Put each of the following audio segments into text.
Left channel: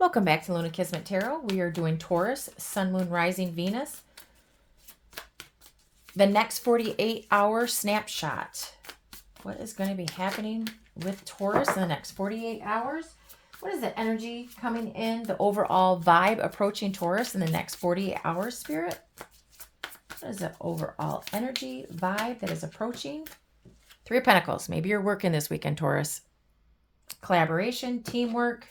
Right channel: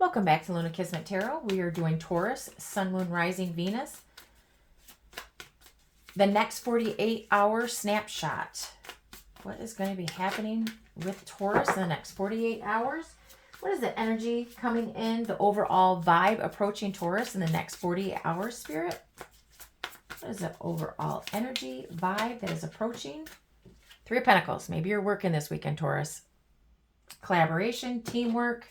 Welcome back to Luna Kismet Tarot. We are doing Taurus, Sun, Moon, Rising, Venus. The next 48-hour snapshot. What is going to be happening with Taurus in the next 48 hours? What is the energy coming in, the overall vibe approaching Taurus in the next 48 hours, Spirit? What is the overall energy vibe that is approaching? Three of Pentacles. Maybe you're working this weekend, Taurus. Collaboration, teamwork,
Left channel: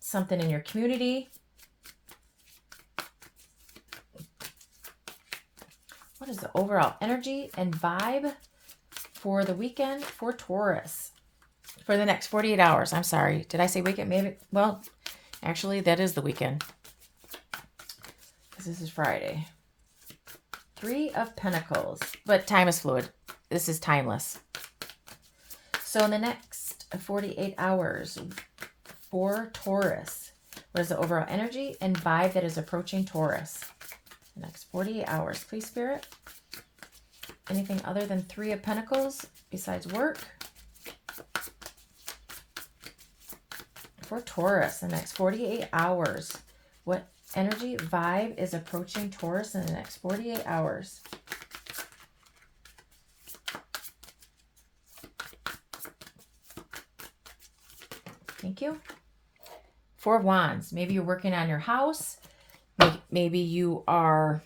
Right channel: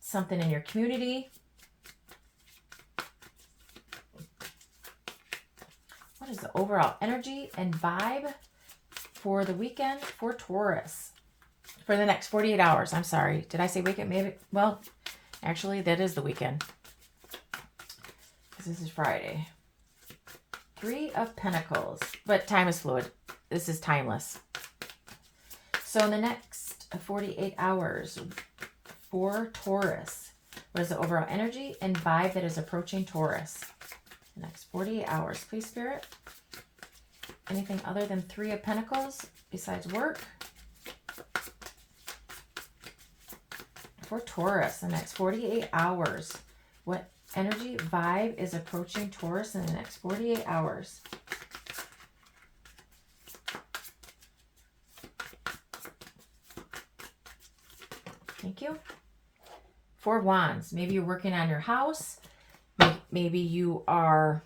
something in your community. What is the overall energy and vibe for the weekend for Taurus? For the next 48 hours. I'm sorry. Did I say weekend? Maybe. Well, actually, that is the weekend. Because this is Friday. Three of Pentacles. But time is fluid. This is timeless. So in the next 48 hours for Taurus, what is the overall energy and vibe that is approaching Taurus? The next 48 hours. Please, Spirit. Anything other than Three of Pentacles besides work? For Taurus, the next 48 hours. What energy, vibe is approaching Taurus in the next 48 hours? Thank you. Four of Wands. Maybe you're working on your house. Maybe you are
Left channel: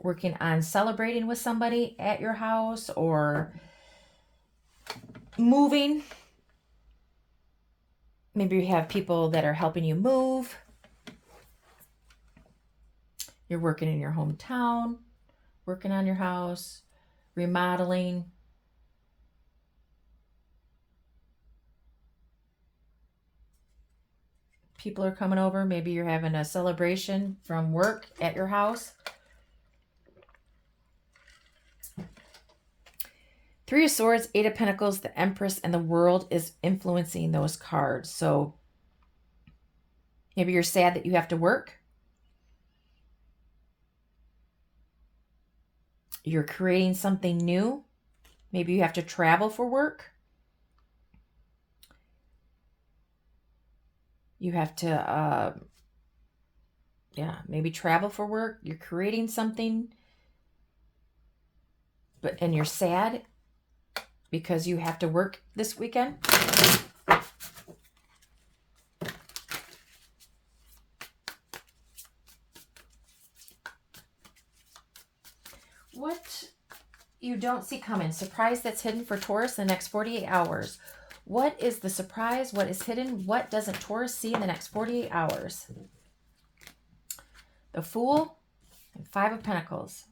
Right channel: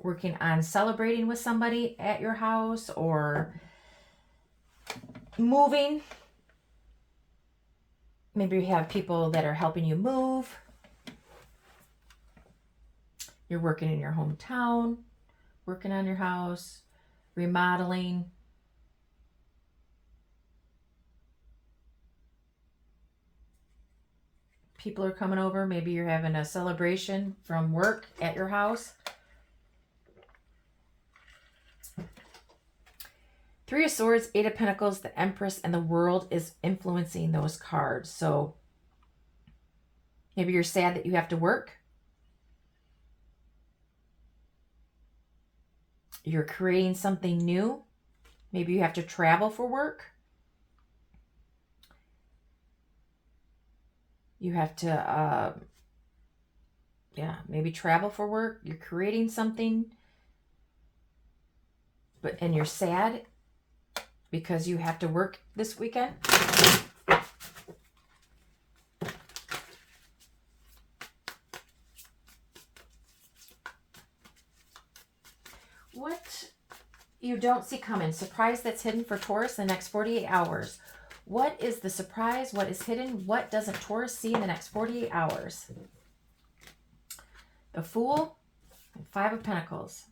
working on celebrating with somebody at your house or moving. Maybe you have people that are helping you move. You're working in your hometown, working on your house, remodeling. People are coming over. Maybe you're having a celebration from work at your house. Three of Swords, Eight of Pentacles, the Empress, and the World is influencing those cards. So maybe you're sad that you have to work. You're creating something new. Maybe you have to travel for work. You have to, maybe travel for work. You're creating something, and you're sad because you have to work this weekend. What you don't see coming. Surprise that's hidden for Taurus in the next 48 hours. What is the surprise? What is hidden? What doesn't Taurus see in the next 48 hours? The Fool and Five of Pentacles.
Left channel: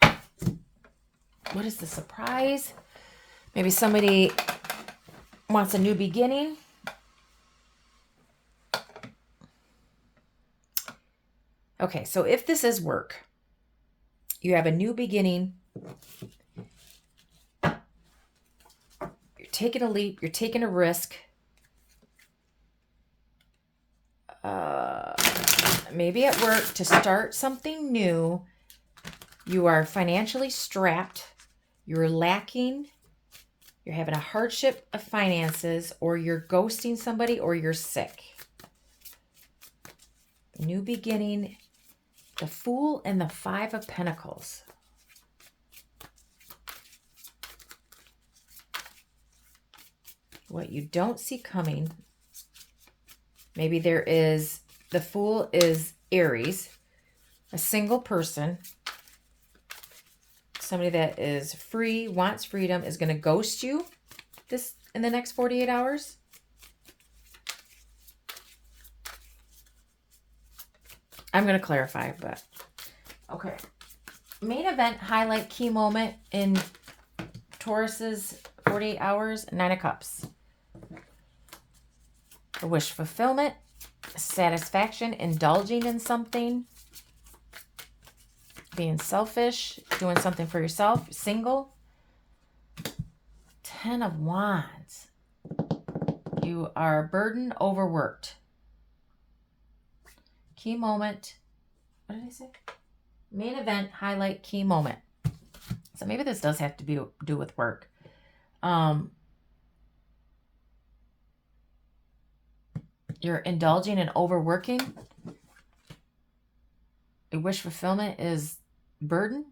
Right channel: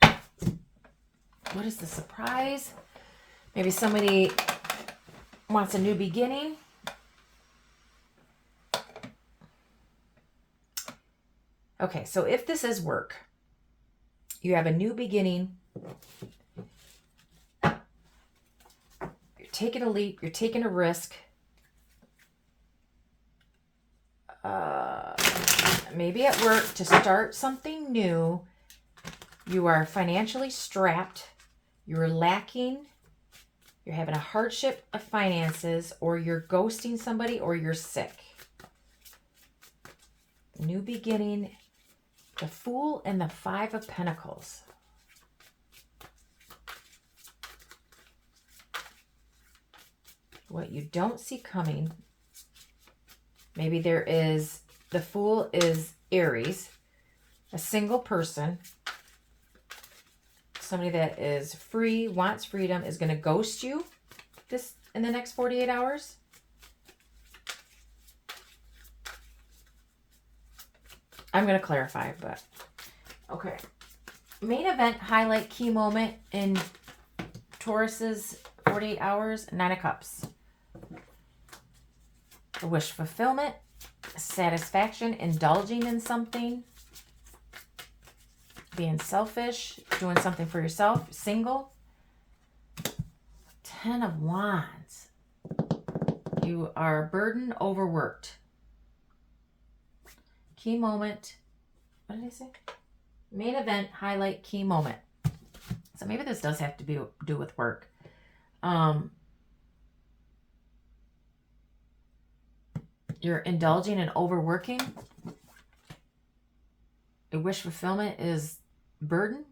What is the surprise? Maybe somebody wants a new beginning. Okay, so if this is work, you have a new beginning. You're taking a leap. You're taking a risk. Maybe at work to start something new. You are financially strapped. You're lacking. You're having a hardship of finances, or you're ghosting somebody, or you're sick. New beginning. The Fool and the Five of Pentacles. What you don't see coming. Maybe there is, the Fool is Aries, a single person. Somebody that is free, wants freedom, is going to ghost you this in the next 48 hours. I'm going to clarify, but okay. Main event, highlight, key moment in Taurus's 48 hours, Nine of Cups. Wish fulfillment, satisfaction, indulging in something, being selfish, doing something for yourself, single. Ten of Wands. You are burdened, overworked. Key moment. What did I say? Main event, highlight, key moment. So maybe this does have to do with work. You're indulging and overworking. A wish fulfillment is burden.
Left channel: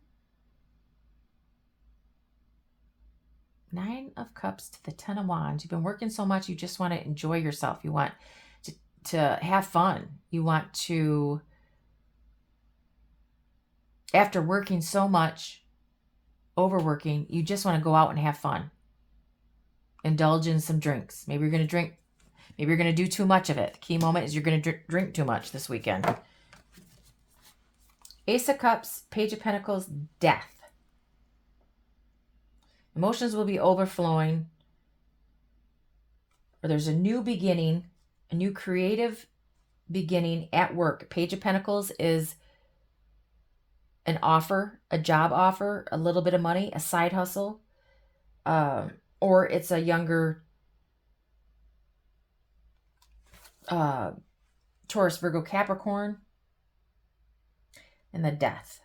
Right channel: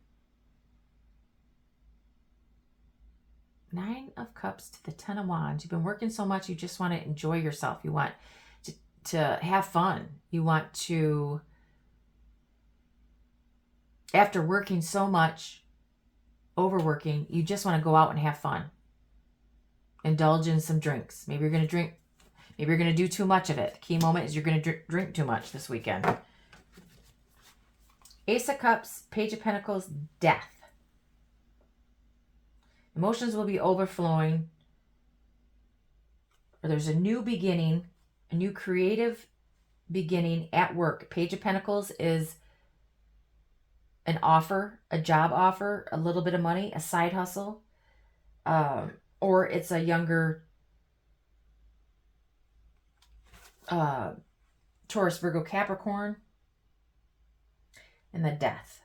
9 of Cups to the 10 of Wands. You've been working so much, you just want to enjoy yourself. You want to have fun. You want to, after working so much, overworking, you just want to go out and have fun. Indulge in some drinks. Maybe you're going to drink. Maybe you're going to do too much of it. The key moment is you're going to drink too much this weekend. Ace of Cups, Page of Pentacles, Death. Emotions will be overflowing. Or there's a new beginning, a new creative beginning at work. Page of Pentacles is an offer, a job offer, a little bit of money, a side hustle. Or it's a younger Taurus, Virgo, Capricorn. And the Death.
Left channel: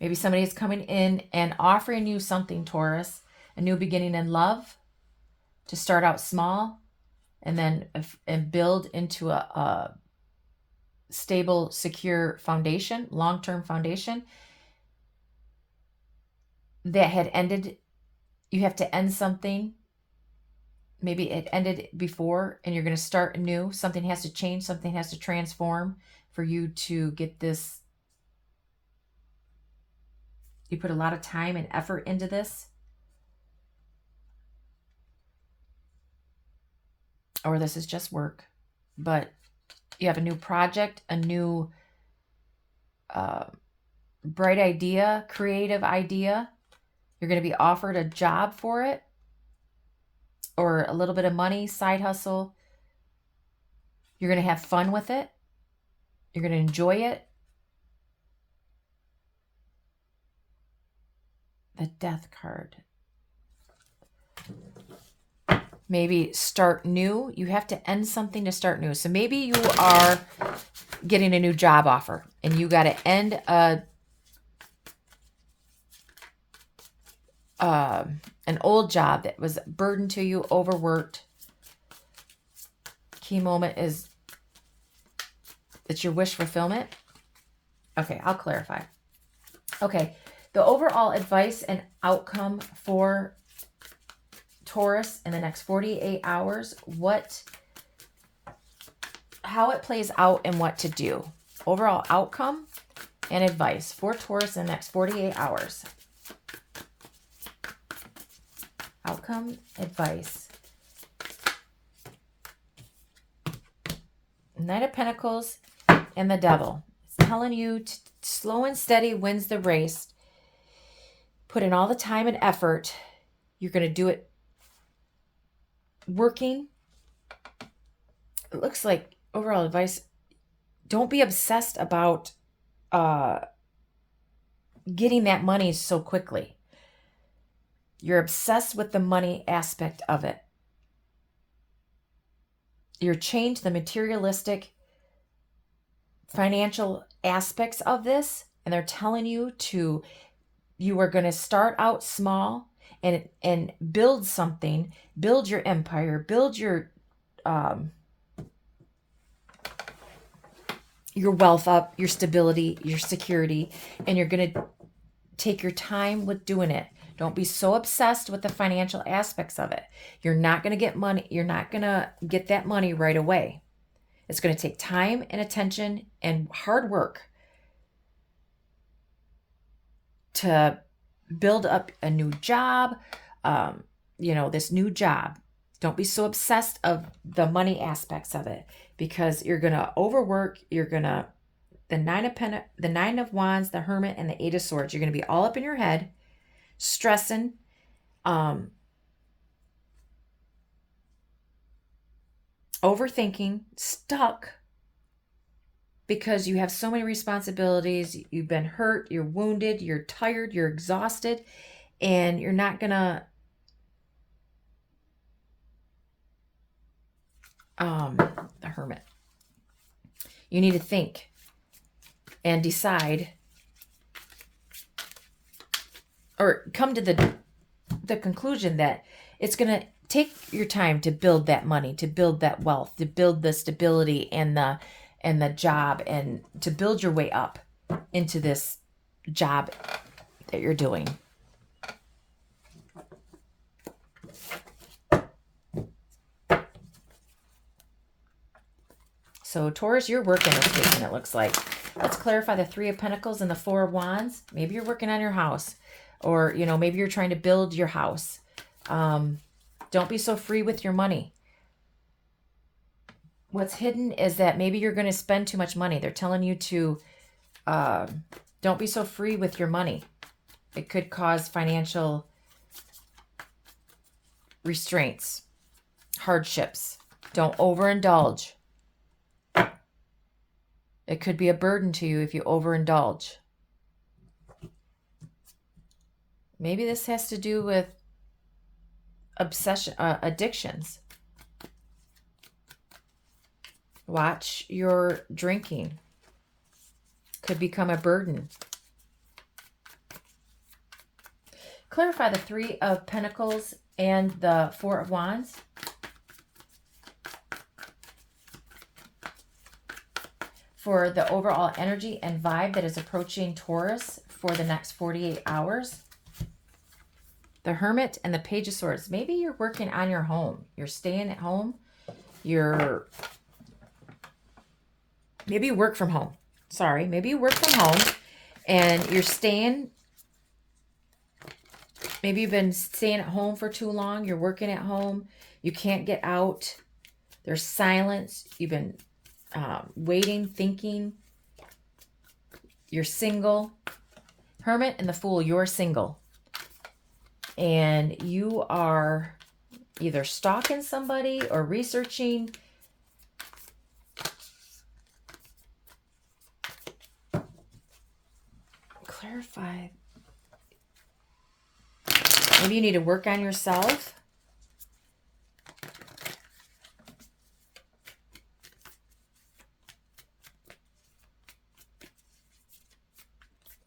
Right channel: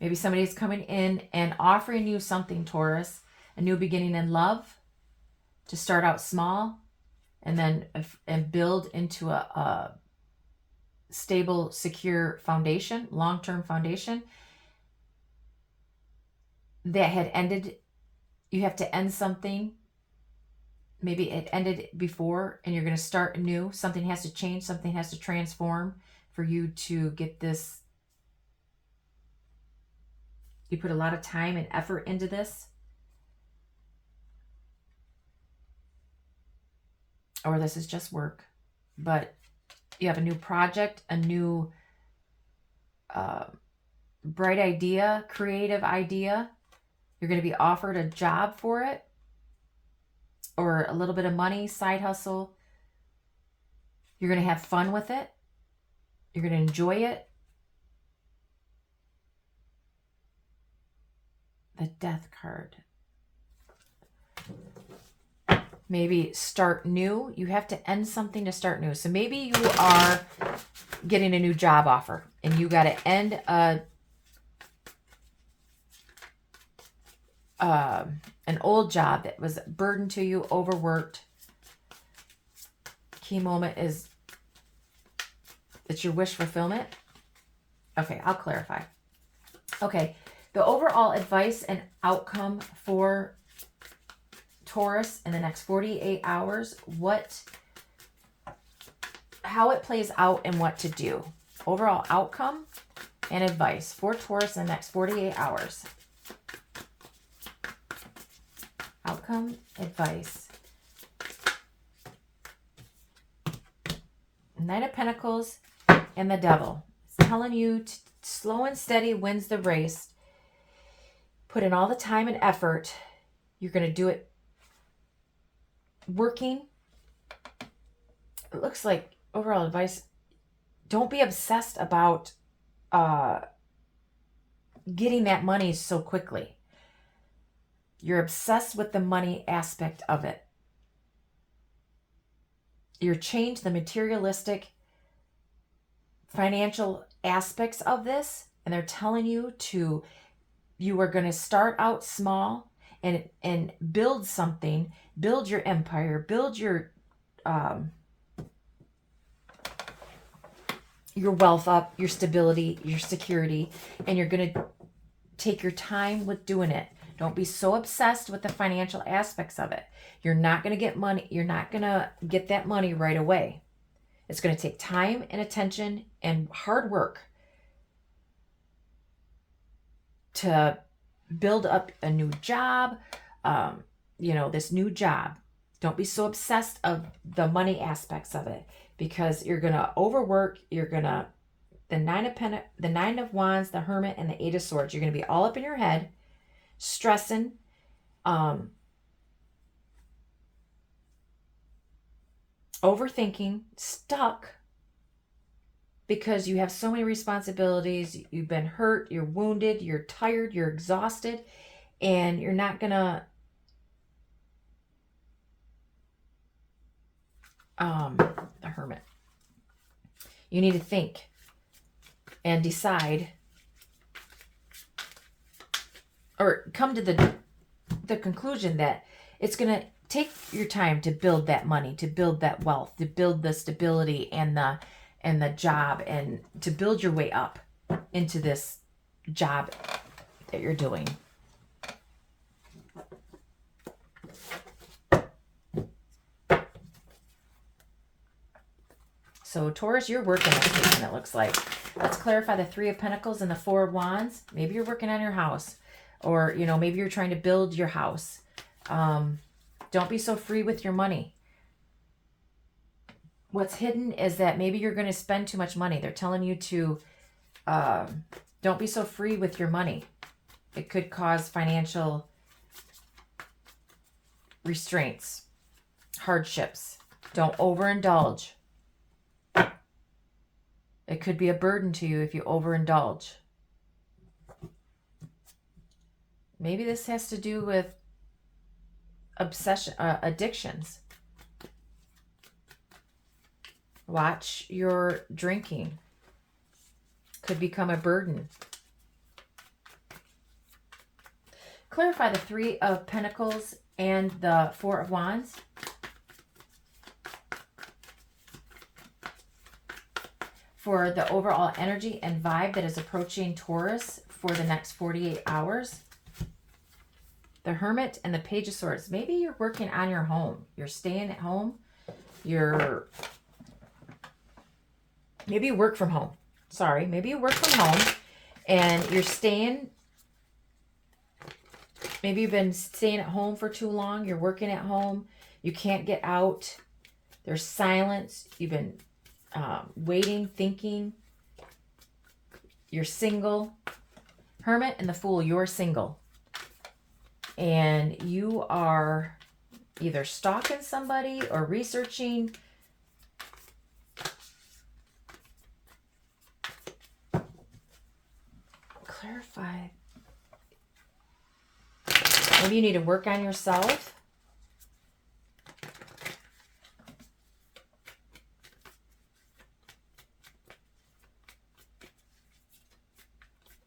Maybe somebody is coming in and offering you something, Taurus. A new beginning in love. To start out small. And then build into a stable, secure foundation. Long-term foundation. That had ended. You have to end something. Maybe it ended before and you're going to start anew. Something has to change. Something has to transform for you to get this. You put a lot of time and effort into this. Or this is just work. But you have a new project, a new bright idea, creative idea. You're going to be offered a job for it. Or a little bit of money, side hustle. You're going to have fun with it. You're going to enjoy it. The Death card. Maybe start new. You have to end something to start new. So maybe you are getting a new job offer and you got to end an old job that was a burden to you, overworked. Key moment is it's your wish fulfillment. Okay, I'll clarify. Okay, the overall advice and outcome for Taurus in the next 48 hours, how it plays out and what to do. Overall outcome and advice for Taurus in the next 48 hours. Outcome, advice. Knight of Pentacles and the Devil. It's telling you slow and steady wins the race. Put in all the time and effort. You're going to do it working. It looks like overall advice. Don't be obsessed about getting that money so quickly. You're obsessed with the money aspect of it. You're changed the materialistic financial aspects of this, and they're telling you you are going to start out small and build something, build your empire, build your wealth up, your stability, your security, and you're going to take your time with doing it. Don't be so obsessed with the financial aspects of it. You're not going to get money. You're not going to get that money right away. It's going to take time and attention and hard work to build up a new job, this new job. Don't be so obsessed of the money aspects of it because you're going to overwork. You're going to, the Nine of Wands, the Hermit, and the Eight of Swords. You're going to be all up in your head, stressing, overthinking, stuck because you have so many responsibilities. You've been hurt, you're wounded, you're tired, you're exhausted, and you're not gonna the Hermit. You need to think and decide or come to the conclusion that it's going to take your time to build that money, to build that wealth, to build the stability and the job, and to build your way up into this job that you're doing. So Taurus, you're working this weekend, it looks like. Let's clarify the Three of Pentacles and the Four of Wands. Maybe you're working on your house, or, you know, maybe you're trying to build your house. Don't be so free with your money. What's hidden is that maybe you're going to spend too much money. They're telling you to don't be so free with your money. It could cause financial restraints, hardships. Don't overindulge. It could be a burden to you if you overindulge. Maybe this has to do with addictions. Watch your drinking. Could become a burden. Clarify the Three of Pentacles and the Four of Wands. For the overall energy and vibe that is approaching Taurus for the next 48 hours. The Hermit and the Page of Swords. Maybe you're working on your home. You're staying at home. Maybe you work from home. Sorry. Maybe you work from home and you're staying. Maybe you've been staying at home for too long. You're working at home. You can't get out. There's silence. You've been waiting, thinking. You're single. Hermit and the Fool, you're single. And you are either stalking somebody or researching. Clarify. Maybe you need to work on yourself.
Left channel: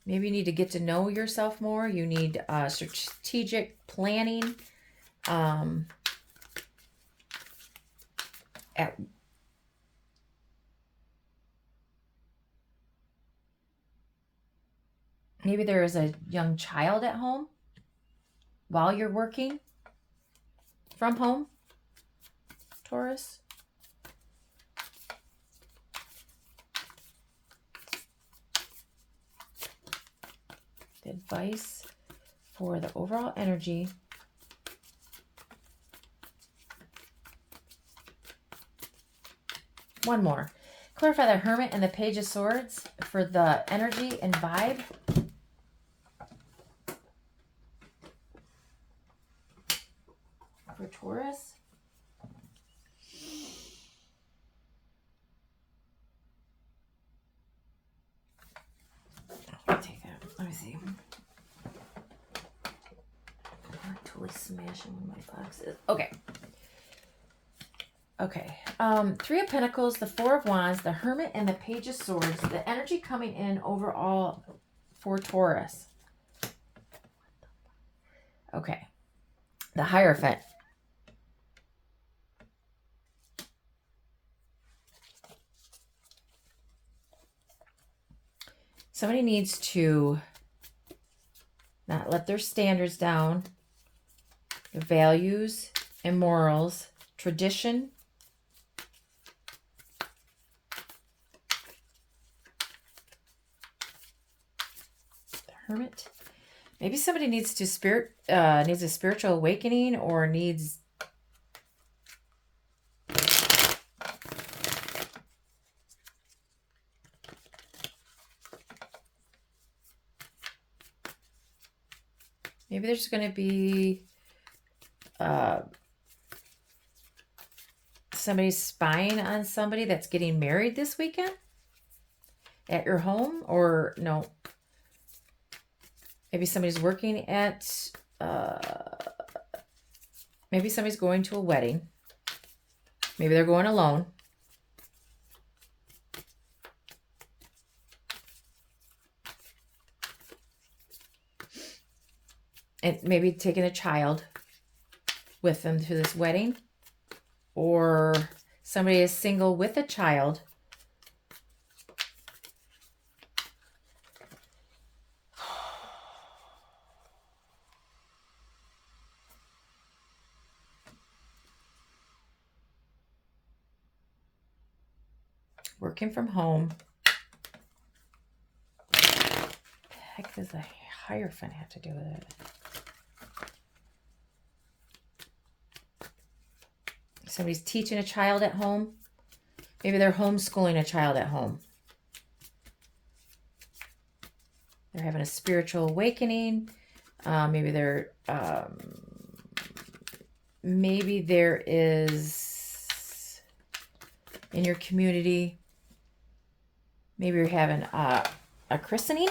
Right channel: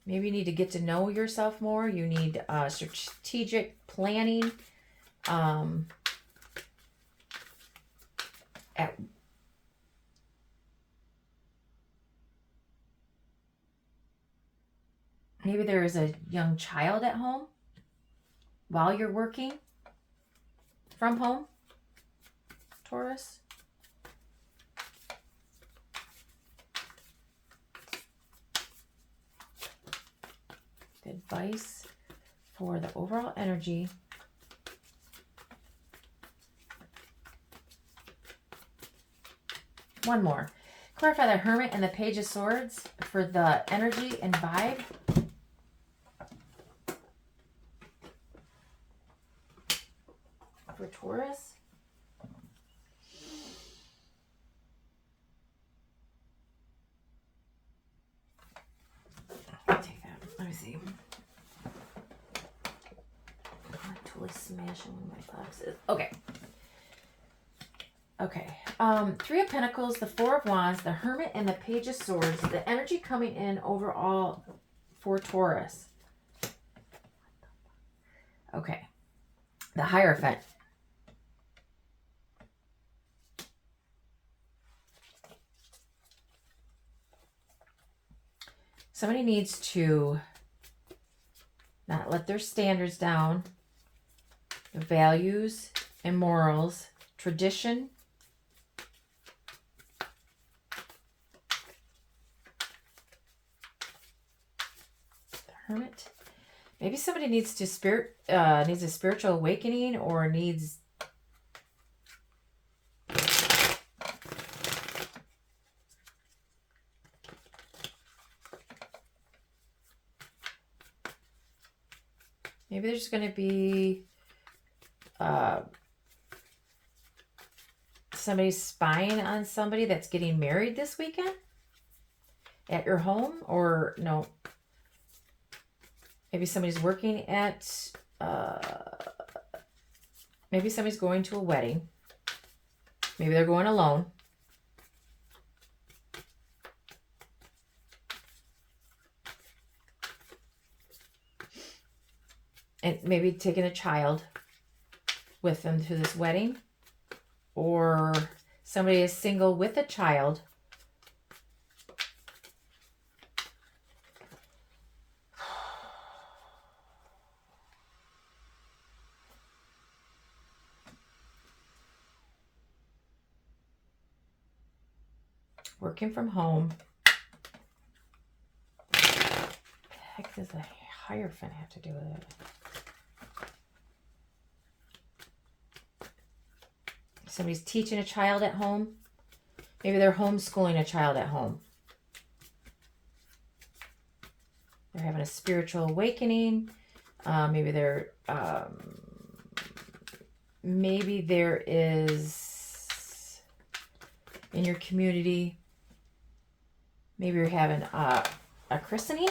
Maybe you need to get to know yourself more. You need strategic planning. Maybe there is a young child at home while you're working from home, Taurus. Advice for the overall energy. One more. Clarify the Hermit and the Page of Swords for the energy and vibe. For Taurus. I'll take that. Let me see. I'm totally smashing my glasses. Okay. Okay. Three of Pentacles, the Four of Wands, the Hermit, and the Page of Swords. The energy coming in overall for Taurus. Okay. The Hierophant. Somebody needs to not let their standards down, the values and morals, tradition. The Hermit. Maybe somebody needs to needs a spiritual awakening, or needs maybe there's going to be somebody spying on somebody that's getting married this weekend at your home, or no. Maybe somebody's working at, maybe somebody's going to a wedding. Maybe they're going alone. And maybe taking a child. with them to this wedding, or somebody is single with a child. Working from home. What the heck does the Hierophant have to do with it? Somebody's teaching a child at home. Maybe they're homeschooling a child at home. They're having a spiritual awakening. Maybe there is in your community. Maybe you're having a christening,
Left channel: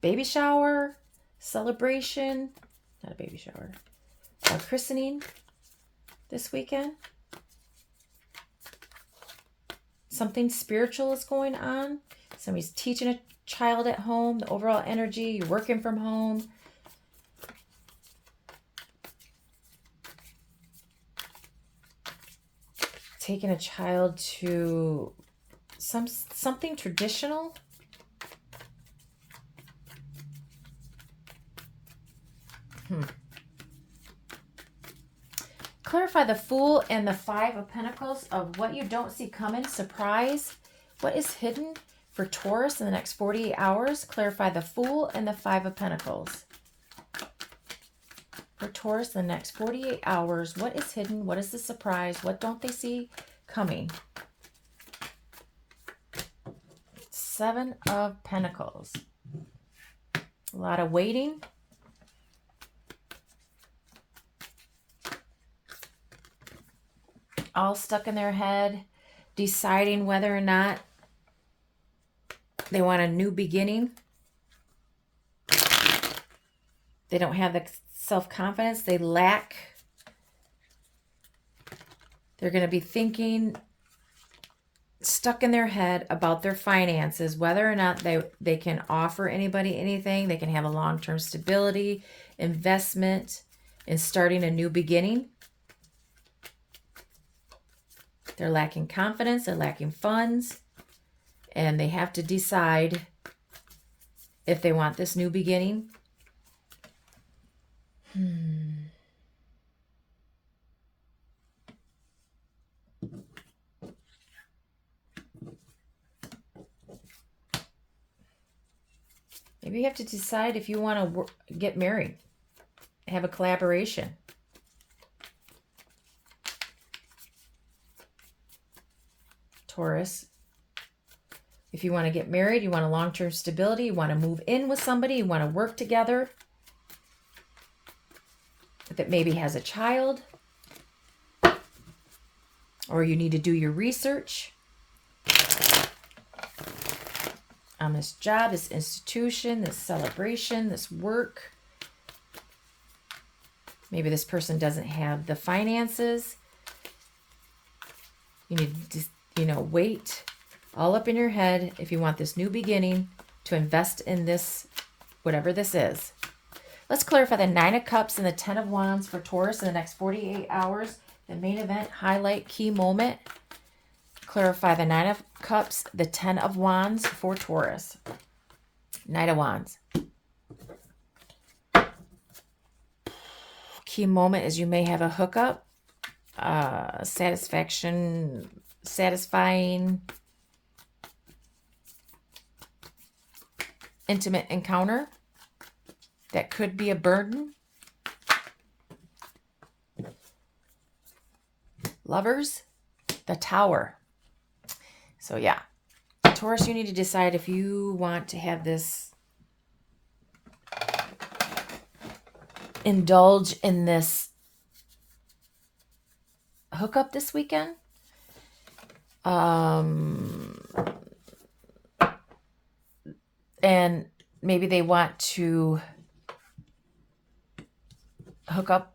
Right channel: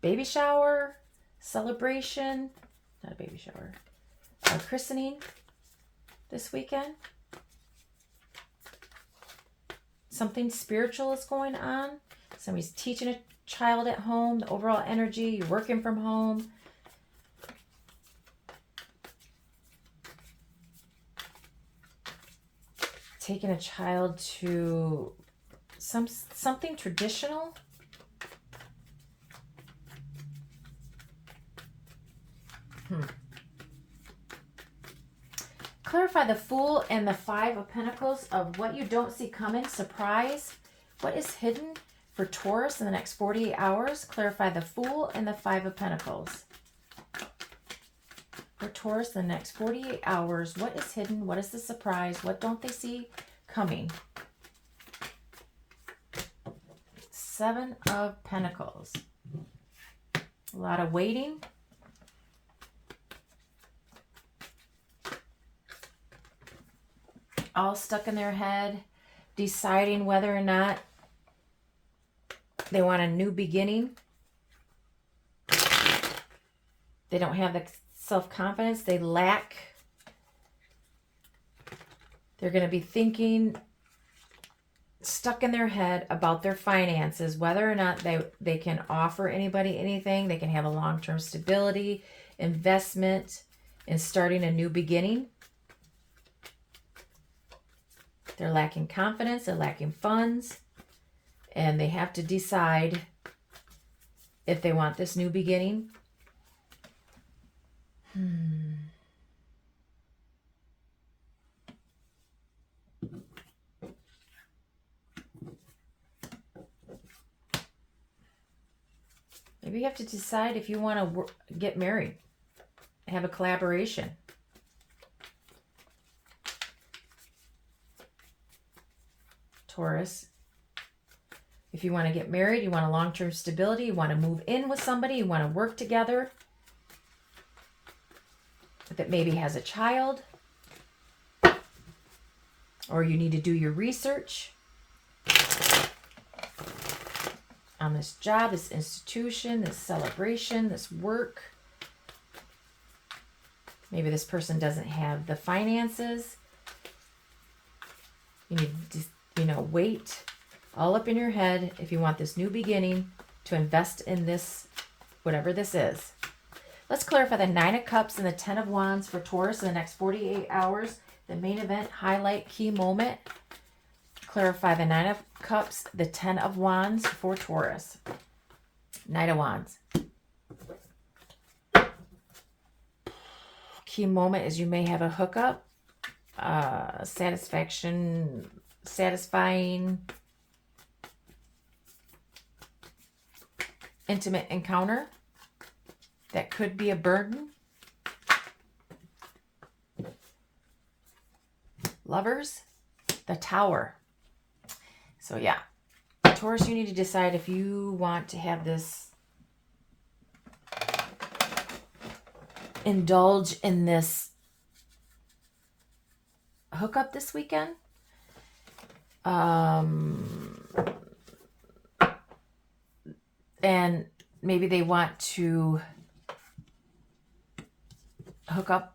baby shower, celebration. Not a baby shower. A christening this weekend. Something spiritual is going on. Somebody's teaching a child at home. The overall energy. You're working from home. Taking a child to something traditional. Clarify the Fool and the Five of Pentacles of what you don't see coming. Surprise. What is hidden for Taurus in the next 48 hours? Clarify the Fool and the Five of Pentacles. For Taurus in the next 48 hours, what is hidden? What is the surprise? What don't they see coming? Seven of Pentacles. A lot of waiting. All stuck in their head, deciding whether or not they want a new beginning. They don't have the self-confidence. They lack. They're going to be thinking, stuck in their head about their finances, whether or not they can offer anybody anything. They can have a long-term stability, investment, and starting a new beginning. They're lacking confidence. They're lacking funds. And they have to decide if they want this new beginning. Maybe you have to decide if you want to get married, have a collaboration. Taurus. If you want to get married, you want a long-term stability, you want to move in with somebody, you want to work together that maybe has a child, or you need to do your research on this job, this institution, this celebration, this work. Maybe this person doesn't have the finances. You need to, wait all up in your head if you want this new beginning to invest in this, whatever this is. Let's clarify the Nine of Cups and the Ten of Wands for Taurus in the next 48 hours. The main event, highlight, key moment. Clarify the Nine of Cups, the Ten of Wands for Taurus. Knight of Wands. Key moment is you may have a hookup, satisfying, intimate encounter that could be a burden. Lovers, the Tower. So yeah, Taurus, you need to decide if you want to have this, indulge in this hookup this weekend. And maybe they want to hook up,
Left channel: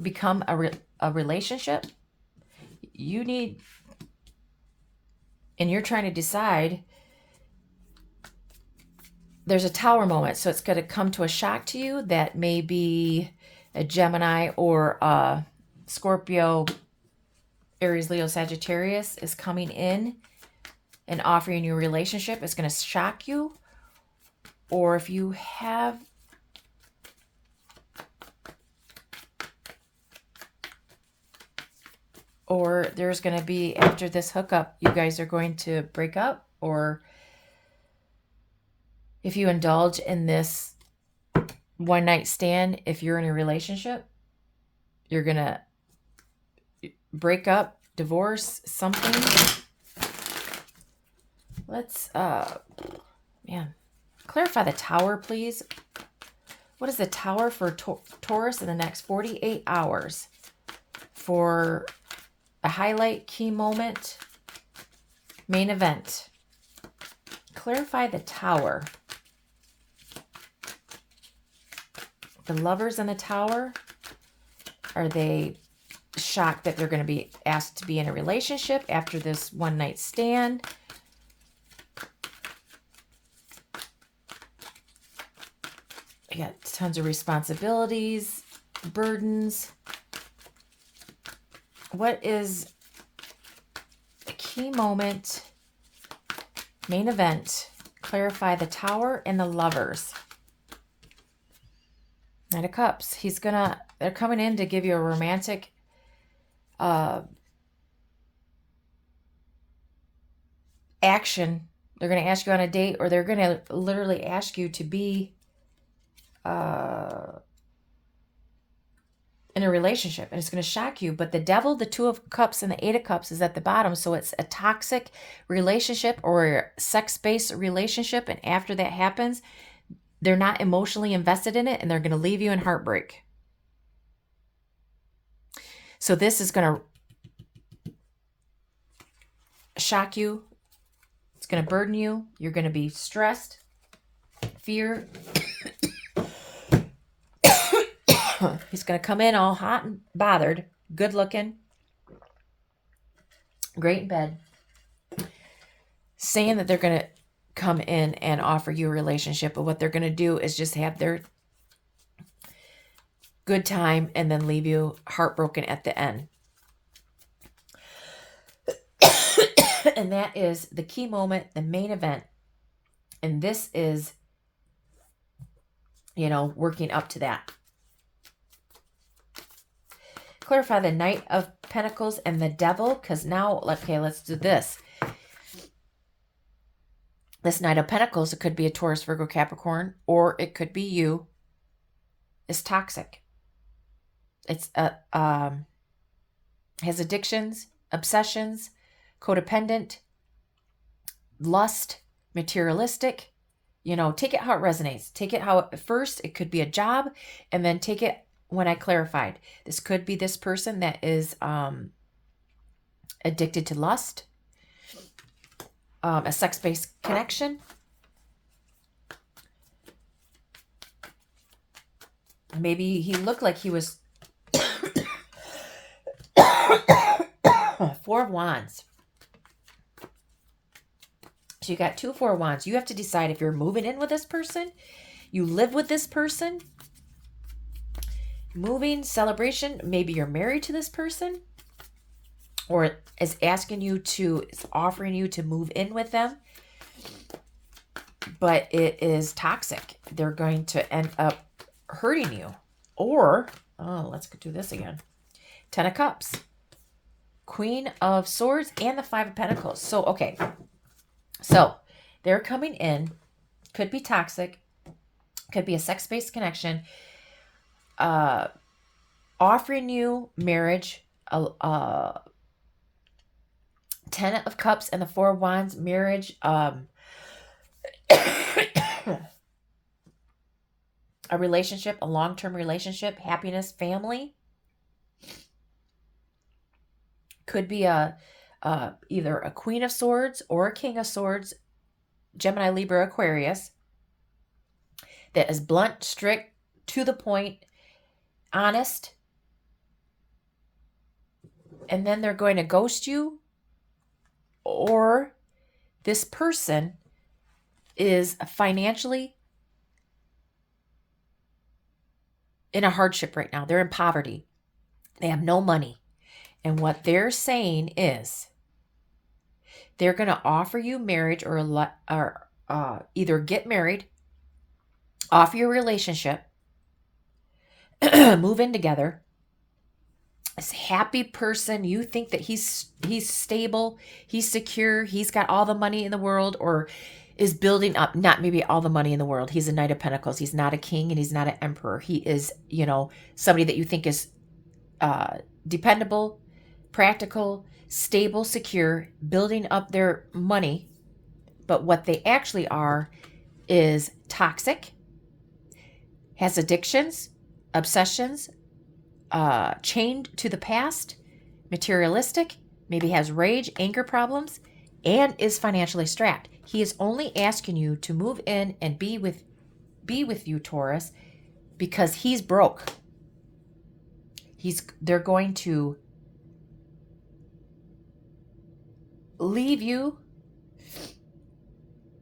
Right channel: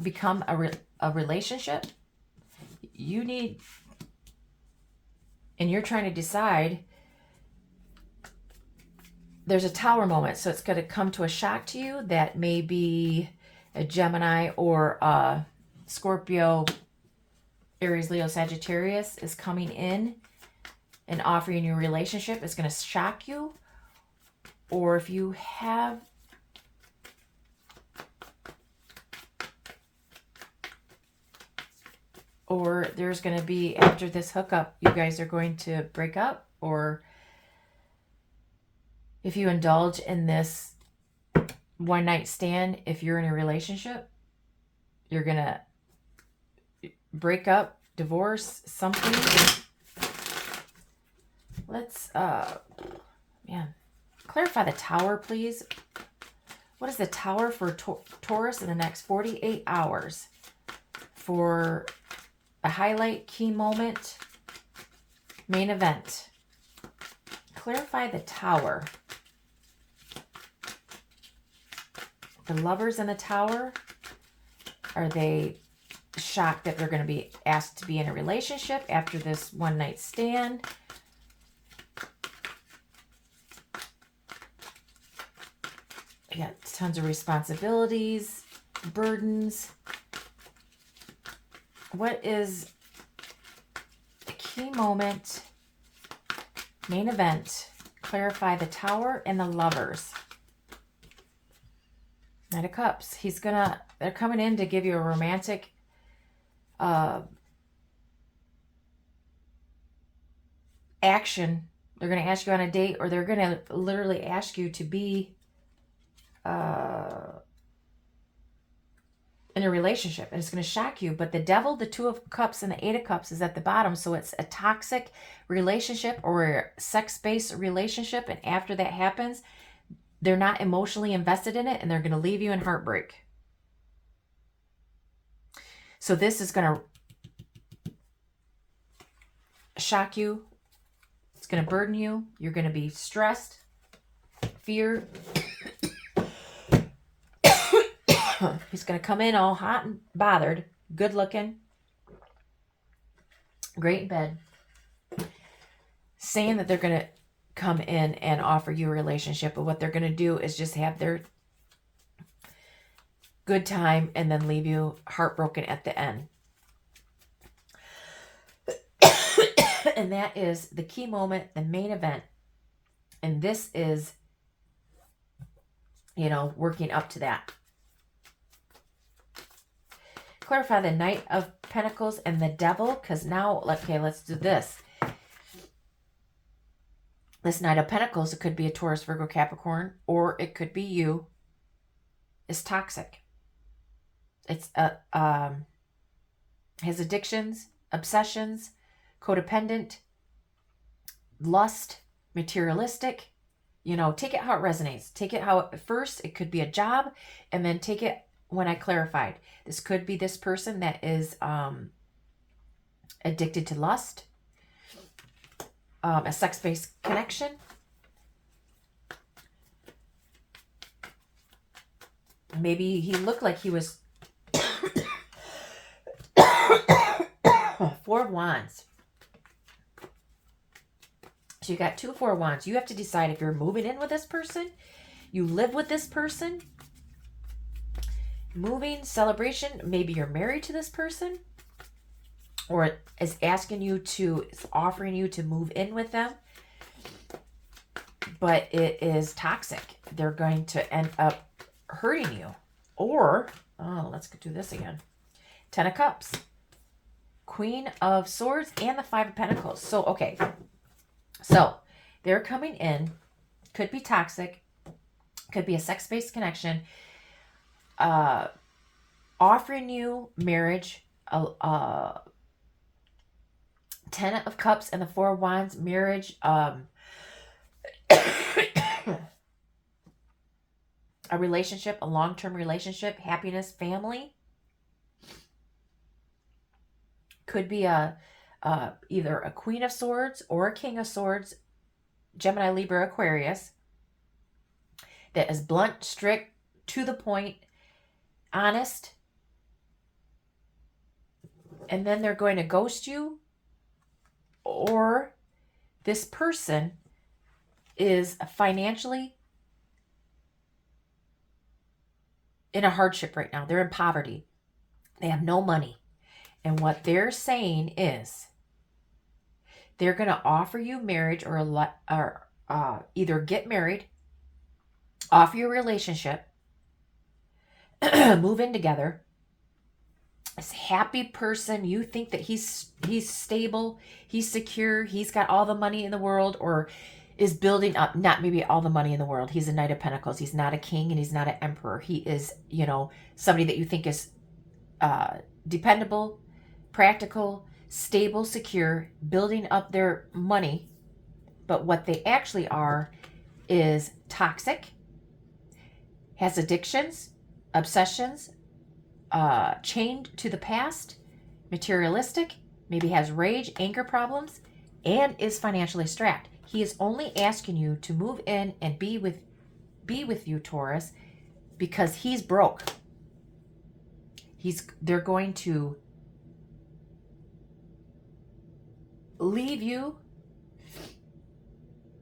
become a relationship. You need, and you're trying to decide. There's a Tower moment, so it's going to come to a shock to you that maybe a Gemini or a Scorpio, Aries, Leo, Sagittarius is coming in and offering you a relationship, it's going to shock you. Or if you have or there's going to be, after this hookup, you guys are going to break up. Or if you indulge in this one night stand, if you're in a relationship, you're going to break up, divorce, something. Let's, clarify the Tower, please. What is the Tower for Taurus in the next 48 hours? For a highlight, key moment, main event. Clarify the Tower. The Lovers in the Tower, are they shocked that they're going to be asked to be in a relationship after this one night stand? I got tons of responsibilities, burdens. What is the key moment, main event? Clarify the Tower and the Lovers. Knight of Cups. They're coming in to give you a romantic action. They're going to ask you on a date, or they're going to literally ask you to be in a relationship, and it's going to shock you. But the Devil, the Two of Cups, and the Eight of Cups is at the bottom, so it's a toxic relationship or a sex-based relationship, and after that happens, they're not emotionally invested in it, and they're going to leave you in heartbreak. So this is going to shock you. It's going to burden you. You're going to be stressed, fear. He's going to come in all hot and bothered, good looking, great in bed, saying that they're going to come in and offer you a relationship. But what they're going to do is just have their good time and then leave you heartbroken at the end. And that is the key moment, the main event. And this is, working up to that. Clarify the Knight of Pentacles and the Devil, because now, okay, let's do this. This Knight of Pentacles, it could be a Taurus, Virgo, Capricorn, or it could be you. It's toxic. It's has addictions, obsessions, codependent, lust, materialistic. Take it how it resonates. Take it how first it could be a job, and then take it when I clarified. This could be this person that is addicted to lust, a sex-based connection. Maybe he looked like he was Four of Wands. So you got 2 Four of Wands. You have to decide if you're moving in with this person, you live with this person, moving, celebration, maybe you're married to this person, or is offering you to move in with them, but it is toxic. They're going to end up hurting you. Or, let's go do this again. 10 of Cups, Queen of Swords, and the 5 of Pentacles. So, okay. So, they're coming in. Could be toxic. Could be a sex-based connection. Offering you marriage. 10 of Cups and the 4 of Wands, marriage. A relationship, a long-term relationship, happiness, family. Could be either a Queen of Swords or a King of Swords, Gemini, Libra, Aquarius, that is blunt, strict, to the point, honest, and then they're going to ghost you, or this person is financially in a hardship right now. They're in poverty. They have no money. And what they're saying is they're going to offer you marriage or either get married, offer your relationship, move in together. This happy person, you think that he's stable, he's secure, he's got all the money in the world, or is building up, not maybe all the money in the world. He's a Knight of Pentacles. He's not a king and he's not an emperor. He is, somebody that you think is dependable, practical, stable, secure, building up their money. But what they actually are is toxic, has addictions, obsessions, chained to the past, materialistic, maybe has rage, anger problems, and is financially strapped. He is only asking you to move in and be with you, Taurus, because he's broke. They're going to leave you.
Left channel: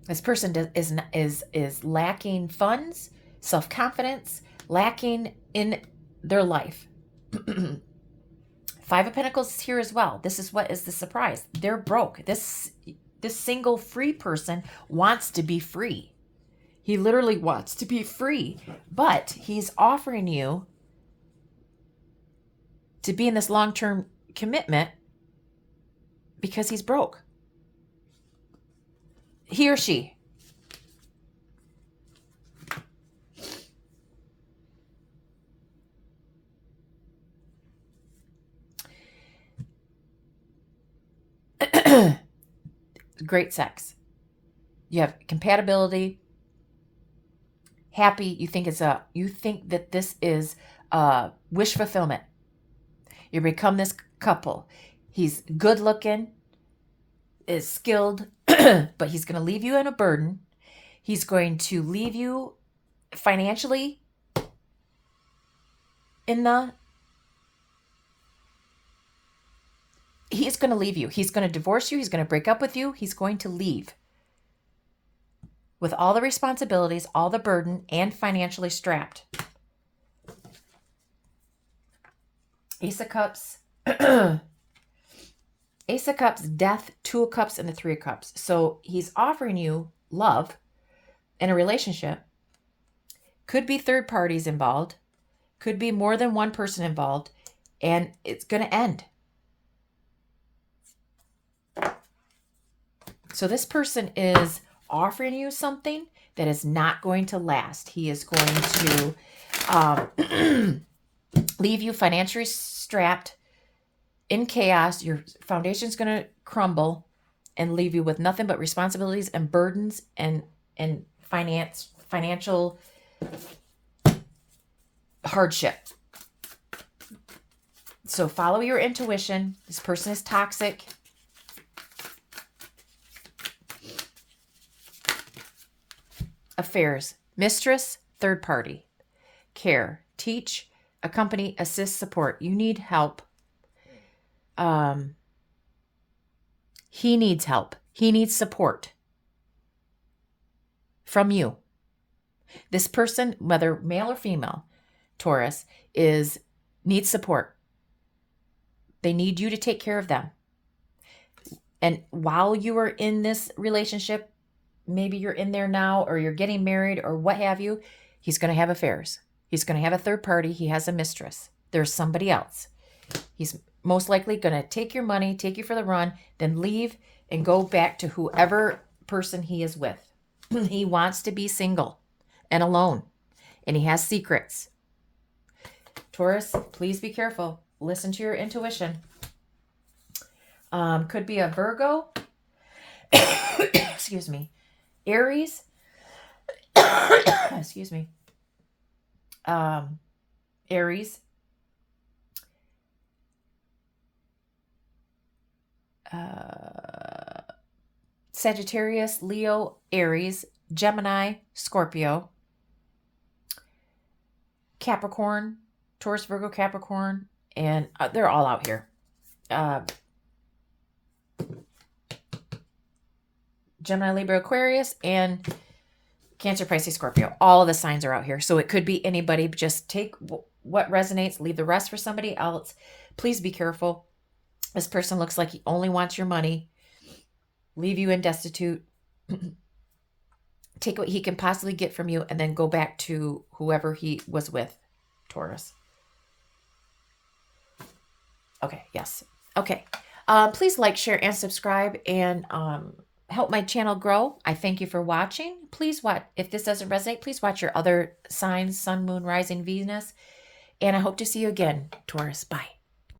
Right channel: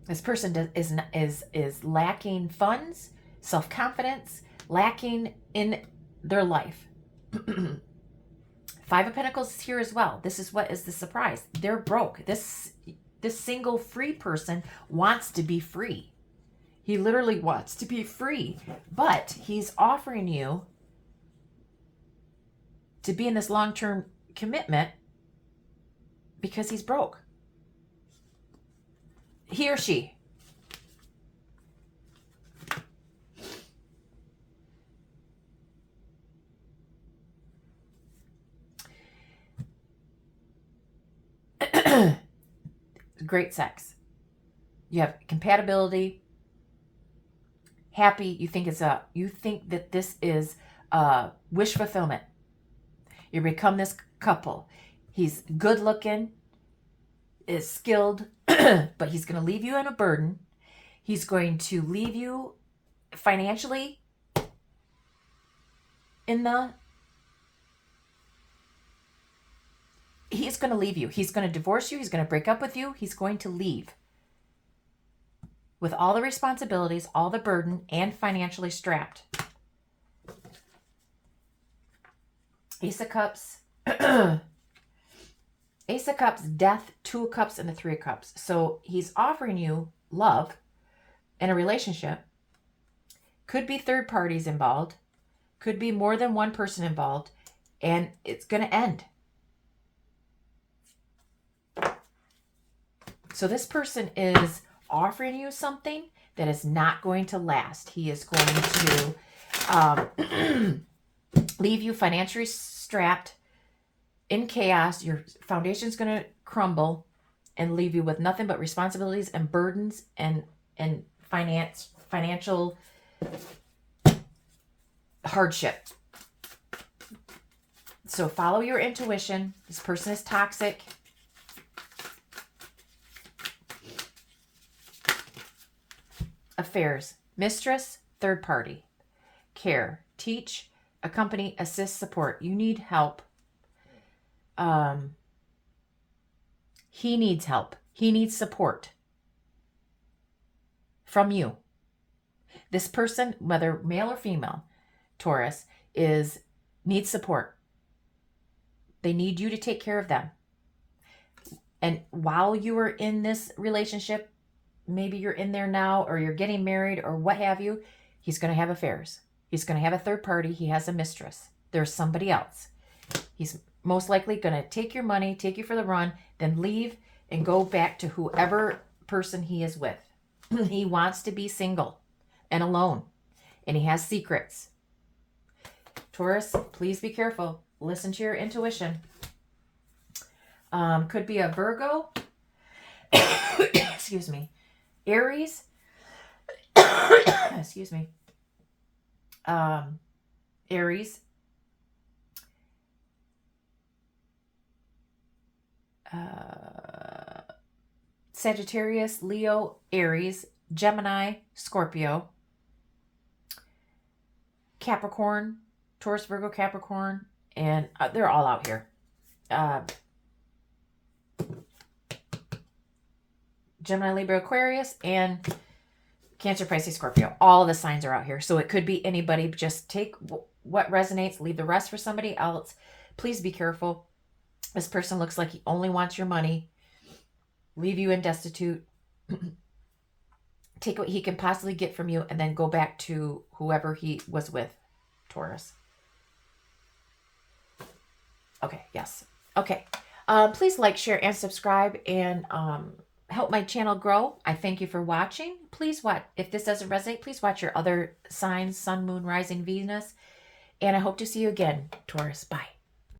This person is lacking funds, self-confidence, lacking in their life. 5 of Pentacles is here as well. This is what is the surprise. They're broke. This single free person wants to be free. He literally wants to be free, but he's offering you to be in this long-term commitment because he's broke. He or she. Great sex. You have compatibility. Happy. You think that this is wish fulfillment. You become this couple. He's good looking, is skilled, but he's going to leave you in a burden. He's going to leave you financially he's going to leave you. He's going to divorce you. He's going to break up with you. He's going to leave with all the responsibilities, all the burden, and financially strapped. Ace of Cups. Ace of Cups, Death, 2 of Cups, and the 3 of Cups. So he's offering you love in a relationship. Could be third parties involved. Could be more than one person involved. And it's going to end. So this person is offering you something that is not going to last. He is going to leave you financially strapped, in chaos. Your foundation's going to crumble and leave you with nothing but responsibilities and burdens and financial hardship. So follow your intuition. This person is toxic. Affairs, mistress, third party. Care, teach, accompany, assist, support. You need help. He needs help. He needs support from you. This person, whether male or female, Taurus, needs support. They need you to take care of them. And while you are in this relationship, maybe you're in there now, or you're getting married, or what have you, he's going to have affairs. He's going to have a third party. He has a mistress. There's somebody else. He's most likely going to take your money, take you for the run, then leave and go back to whoever person he is with. He wants to be single and alone, and he has secrets. Taurus, please be careful. Listen to your intuition. Could be a Virgo. Excuse me. Aries. Excuse me. Aries. Sagittarius, Leo, Aries, Gemini, Scorpio, Capricorn, Taurus, Virgo, Capricorn, and they're all out here. Gemini, Libra, Aquarius, and Cancer, Pisces, Scorpio. All the signs are out here. So it could be anybody. Just take what resonates, leave the rest for somebody else. Please be careful. This person looks like he only wants your money, leave you in destitute, take what he can possibly get from you, and then go back to whoever he was with, Taurus. Okay, yes. Okay. Please like, share, and subscribe, and help my channel grow. I thank you for watching. Please watch. If this doesn't resonate, please watch your other signs, Sun, Moon, Rising, Venus. And I hope to see you again, Taurus. Bye.